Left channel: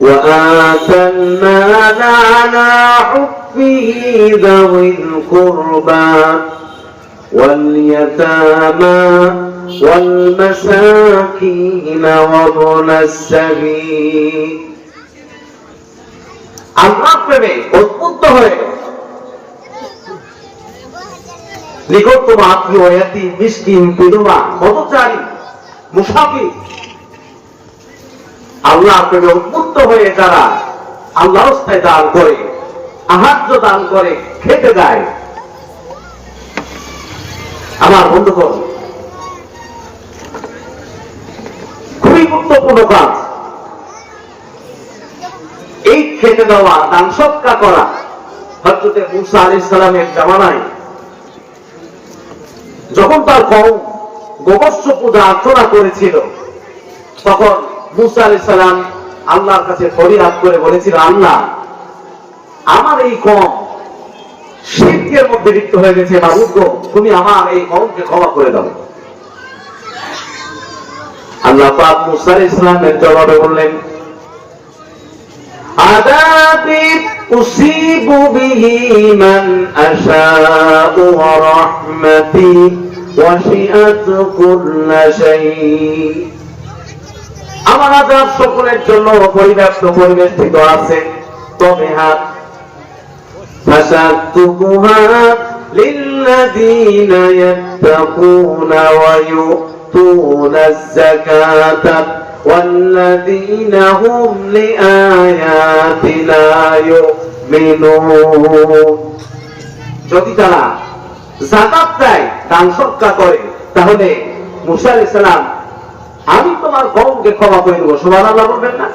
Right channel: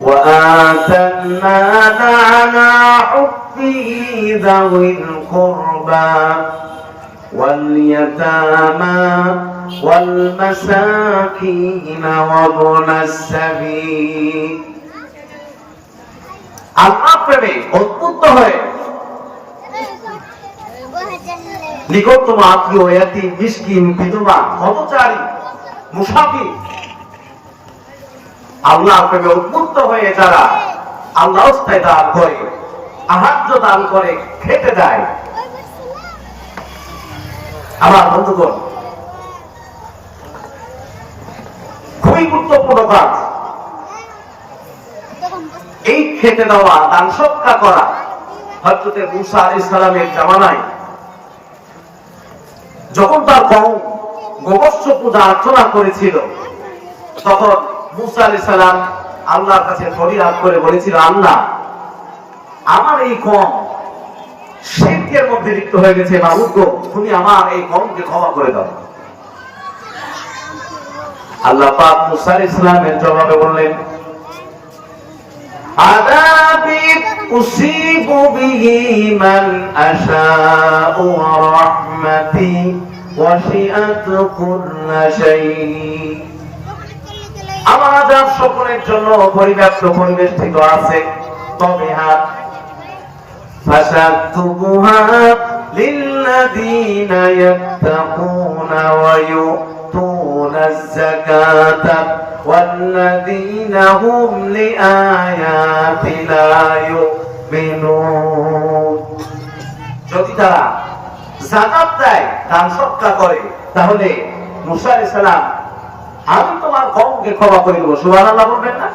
وآتى المال على حبه ذوي القربى واليتامى والمساكين وابن السبيل আল্লাহ প্রেমে উদ্বুদ্ধ হয়ে নিকটতম আত্মীয় এতিম মিসকিন বিধবা পথচারী মুসাফির আল্লাহর প্রেমে উদ্বুদ্ধ হয়ে যারা আল্লাহর রাস্তায় দান করে আহার্য দান করে খেতে দেয় আমার বন্ধুগণ খুবই গুরুত্বপূর্ণ কাজ এই খেতে দেওয়া দান সৎকার করা। হযরত মূসা আলাইহিস সালামের জামানায় যখন তার কওম গোবর্ষ পূজা অর্চনা করেছিল তখন মূসা আলাইহিস সালাম আল্লাহর কাছে ফরিয়াদ করে বলেছিল, আল্লাহ আমার এই কওম শিরকের মধ্যে লিপ্ত হয়ে গেছে, না উঠবো, তুমি আমার এই কওমকে ক্ষমা করে দাও। আল্লাহ পাক মূসা আলাইহিস সালামের জবাবে বললেন, আযাবি উসিবু বিহি মান আশাউ ওয়া রাহমাতি ওয়াসিআত কুল্লা শাই। আমার আযাব সকলের জন্য পরিবেষ্টিত আছে, তবে হ্যাঁ ফাসাতুহা লিল্লাযীনা ইয়াত্তাকুনা ওয়া ইউতুনাজ যাকাতা ওয়াল্লাযীনা হুম লিআয়াতিনা ইউমিনুন। যদি তারা যাকাত দেয়, দান সদকা করে, তাহলে মূসা আলাইহিস সালাম আমি তোমার কওমকে ক্ষমা করে দেব। সুবহানাল্লাহ বলবেন না?